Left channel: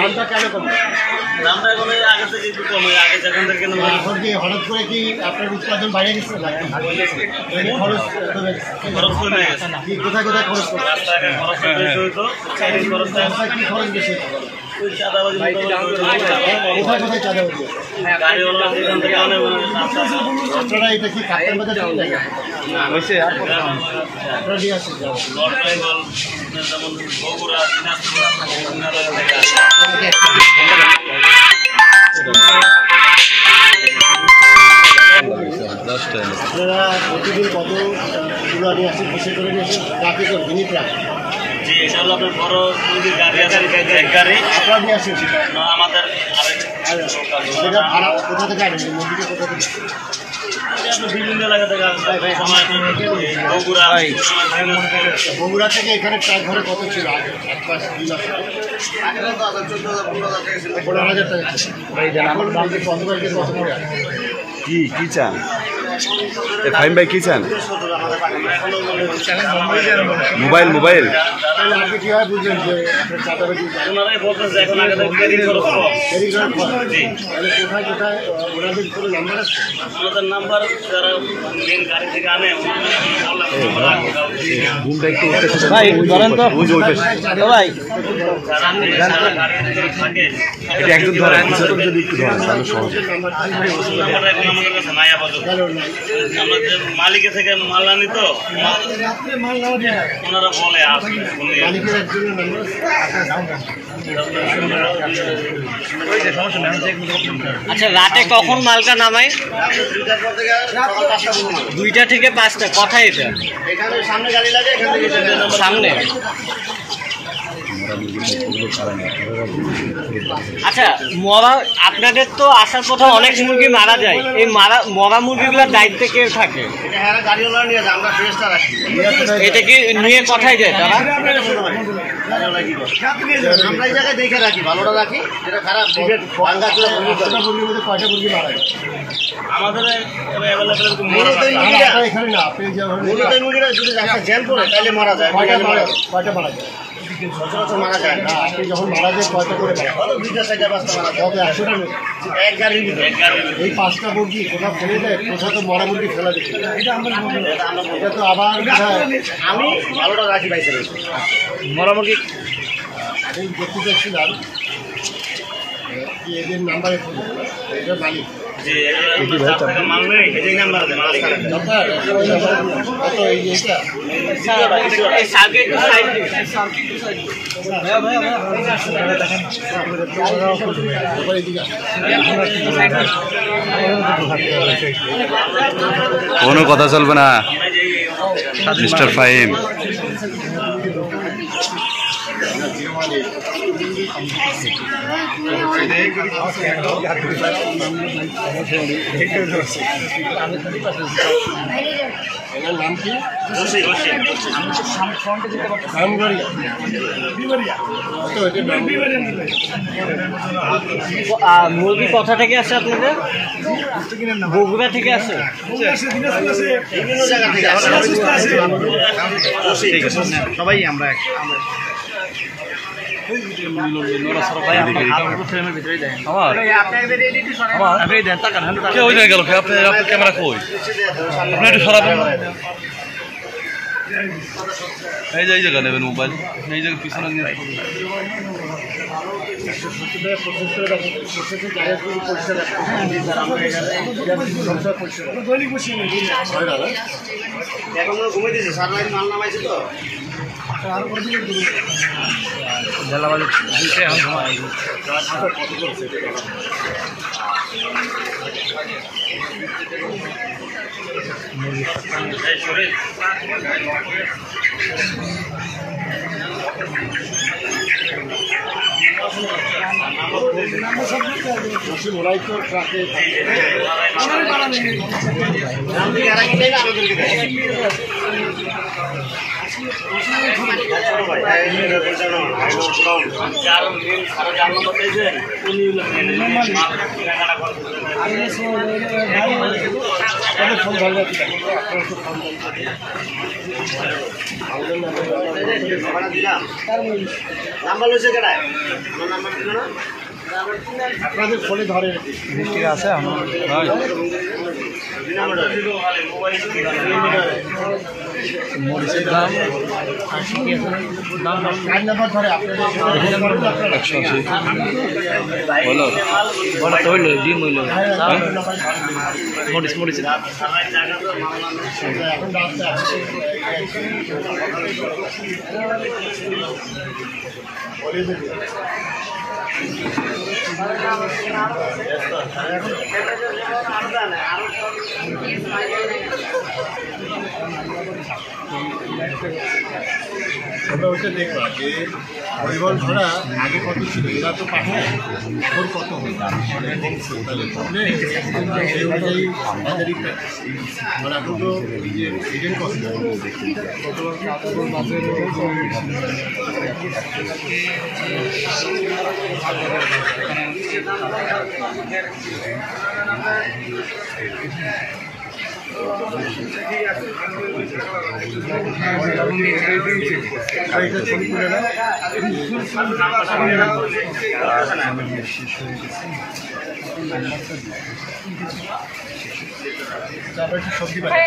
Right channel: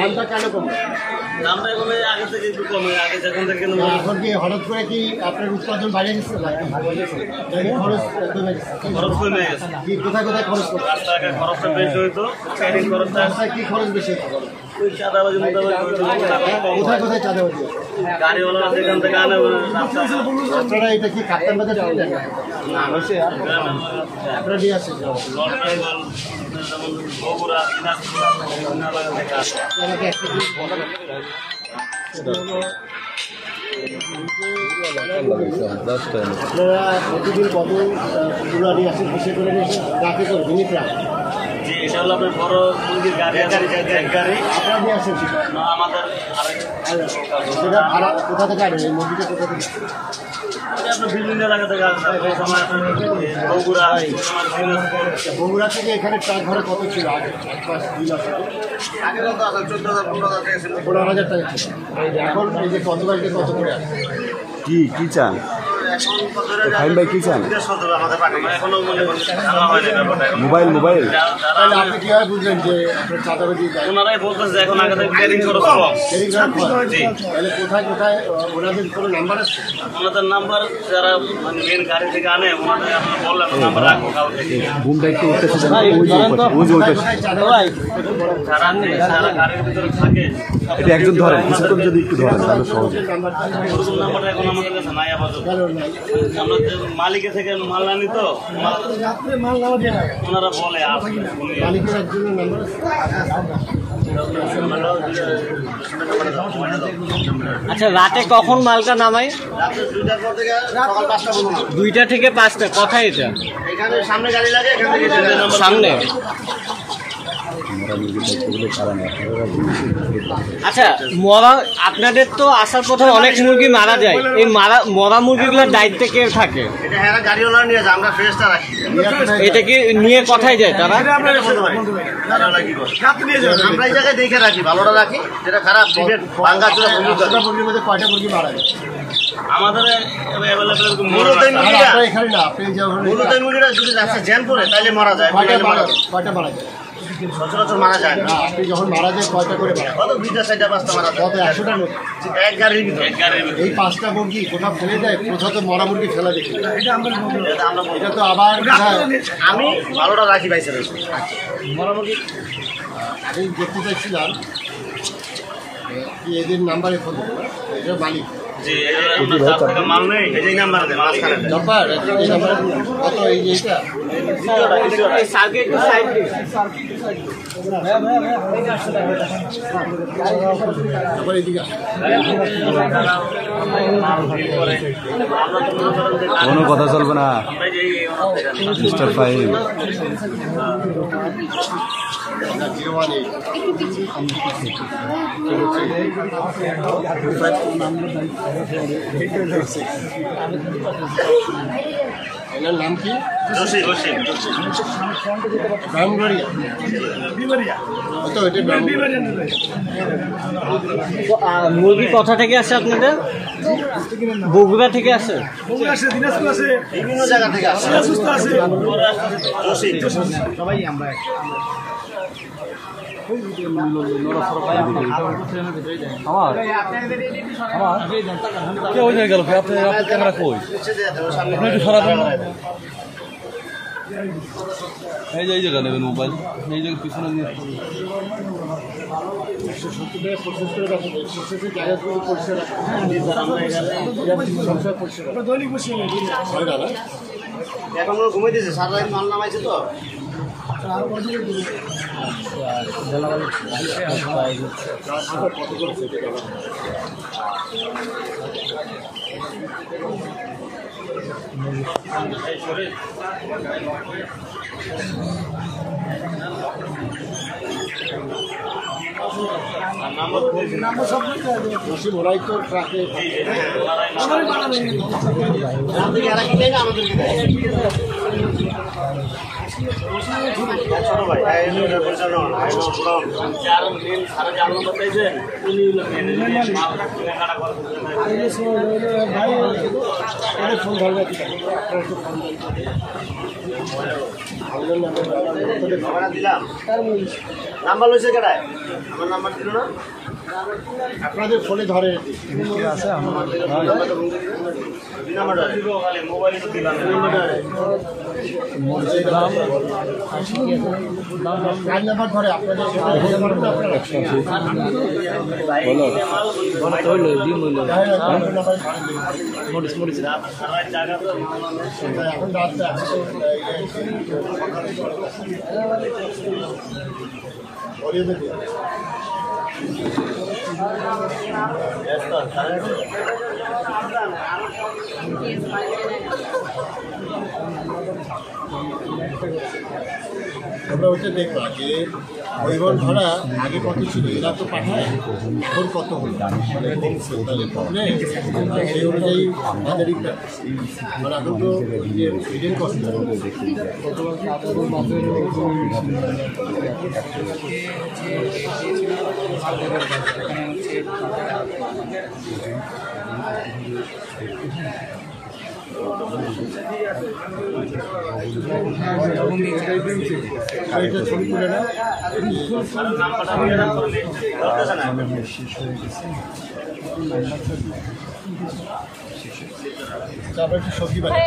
দামটা কেন কমে? দামটা এখন আগে থেকে একটু কমে, আগে যেখান থেকে এখন কি হঠাৎ করে কি আপনার উৎপাদন বাড়িয়ে গেছে? খরচ কমে গেছে। কি কোথায় কোথায় খরচ করছে? রাস্তাঘাটে খরচটা বেশি হইতো, খরচটা কি খরচ বেশি হতো? ওই চাঁদাবাজি কোথায় কোথায় চাঁদাবাজি? গাড়িওয়ালা যেখান থেকে আনে আপনারা এটা কি কাপ্তান বাজার আপনারা দিয়ে আসছেন? যেমন বগুড়া, দিনাজপুর এলাকা থেকে আসে। আপনারা প্রতিদিন কতগুলো নিয়ে আসেন? বিশেষ করে নিয়ে আসেন ট্রাফিক করে মিনিটরা? জি, এটা হলো আপনার বড় গাড়ি আছে, এক গাড়ি আপনারা নিয়ে আসেন সেটা? আমাদের সেটা ভাড়া কোথা থেকে আনেন? এই মুরগিটা কোথা থেকে? আপনার বিভিন্ন এলাকা থেকে আসে। সময় বগুড়া, বগুড়া থেকে এখানে ট্রাক ঘরে কত ছিল আগে? 1 মাস 2 মাস আগে 15,000 টাকা ছিল। এখন এই যে কত বাড়িতে কত করে আসে? কি চান ফাইম ভাই, কি চান? মোবাইল তাহলে আপনি কীভাবে বুঝলেন যে আপনার চাঁদাবাজি? ওনারাই বলতেছে এখন আগে থেকে দেরি খরচ কম। তাহলে কোথায় কোথায় ওনাদের কোনো নাম্বার আছে? ওনাদের নাম্বার যারা মেন গাড়ি থেকে আনে ওনাদের বললাম নাম্বার রাখবো কাউকে। ঘুমটা একটু উঠতেছে ভাই বলেন তো ভাই যারা গাড়ির ভিতরে থাকে এটা একজন ধরে কিছুক্ষণ যদি একটু ধরেন তাহলে সহজ। নাম্বারটা এখন আমাদের কাছে নাই আপাতত। আমরা যে মালিকের থেকে মাল আনি তো ওনারা বলে আসবে মালিকের একজনের নাম্বার আছে? আচ্ছা, রাতে কখন মালটা নামাই? 2টা থেকে 5টা। কোথায় এটা? এখানে সামনে গাড়ি লাগে, এখান থেকে সামনে। আচ্ছা, আপনাদের তো আসার পথে অনেক মুরগি মারা যায়, এই মরা মুরগিগুলোর দায়িত্বে কে থাকে? এটা হ্যাঁ গাড়িওয়ালা নিয়ে যায়, আমরা ফ্রেশটা রাখি। এটা কি নিয়ে কোথায় যায় তারা? আমরা এই জায়গায় দেখে রাখি, ভালোটা রাখি, যেটা খারাপ ভাঙ্গা চুরা মুরগির মধ্যে কয়টা মুরগি মারা যায়? আমাদের মূলত এই মুরগিটা যদি রাস্তা জ্যাম করে তাহলে মারা যায়। কয়টা মারা যায়? সচরাচর মারা যায় না। আপনি যখন মারা যায় কয়টা করে মারা? কত 2টা 4টা 5টা মারা যায়। কত 100টার মধ্যে? এক গাড়ির ভিতরে এই 5টা মুরগি কোথাও ফেলে যায়, কোথাও তো মরা মুরগি ফেলা যায়। এটা তো আবার আমি ভালোটা রাখি ভাই স্যার। মরা মুরগি আমি দেখতে চাইছিলাম কি এদের নাম্বারে ফোন করবো, এটা মালিক মাল নেই এই নাম্বার দেয় নাম্বার কত? এই যে কোনো কথা চলবে না মিস্টার ফাহিম। এনার নাম কি? মুরগি কোথা থেকে আসে আপনাদের? বগুড়া থেকে আসে? বিভিন্ন জায়গা থেকে সবাই আমরা ক্যামেরা কই আপনি একটু সরাবেন না? এই জায়গা নেবেন মোবাইল, এই জায়গায় পিছনে নিয়ে এখন ঘুমাইতেছে, সারা রাত মাল নামাইছে তো ওরাই তো ট্রাকে আমাদেরকে যার মেন সারা জানো বলতেছেন উনি হলো মেন মাল কেনাকাটা নাম্বার লইছে কেটায় নাম্বার দিল না আপনাদের ফোনে ধরে মিষ্টি আছে মরিচের দাম নাম্বার ধরে আপনাদের 180 বলো হইল ডিম হইল মরিচ মরিচের এখন রাস্তা আমরা ওইটা দেখবা যে পরিবহন ভাড়া আগে কত ছিল এরা তো পাঠায় এখন কত হল তাহলে সেই অনুযায়ী আমাদেরই মানে এখন তো যে হিডেন কস্ট এটা ছবি তুলে না তারপর একটু সবজি বানাই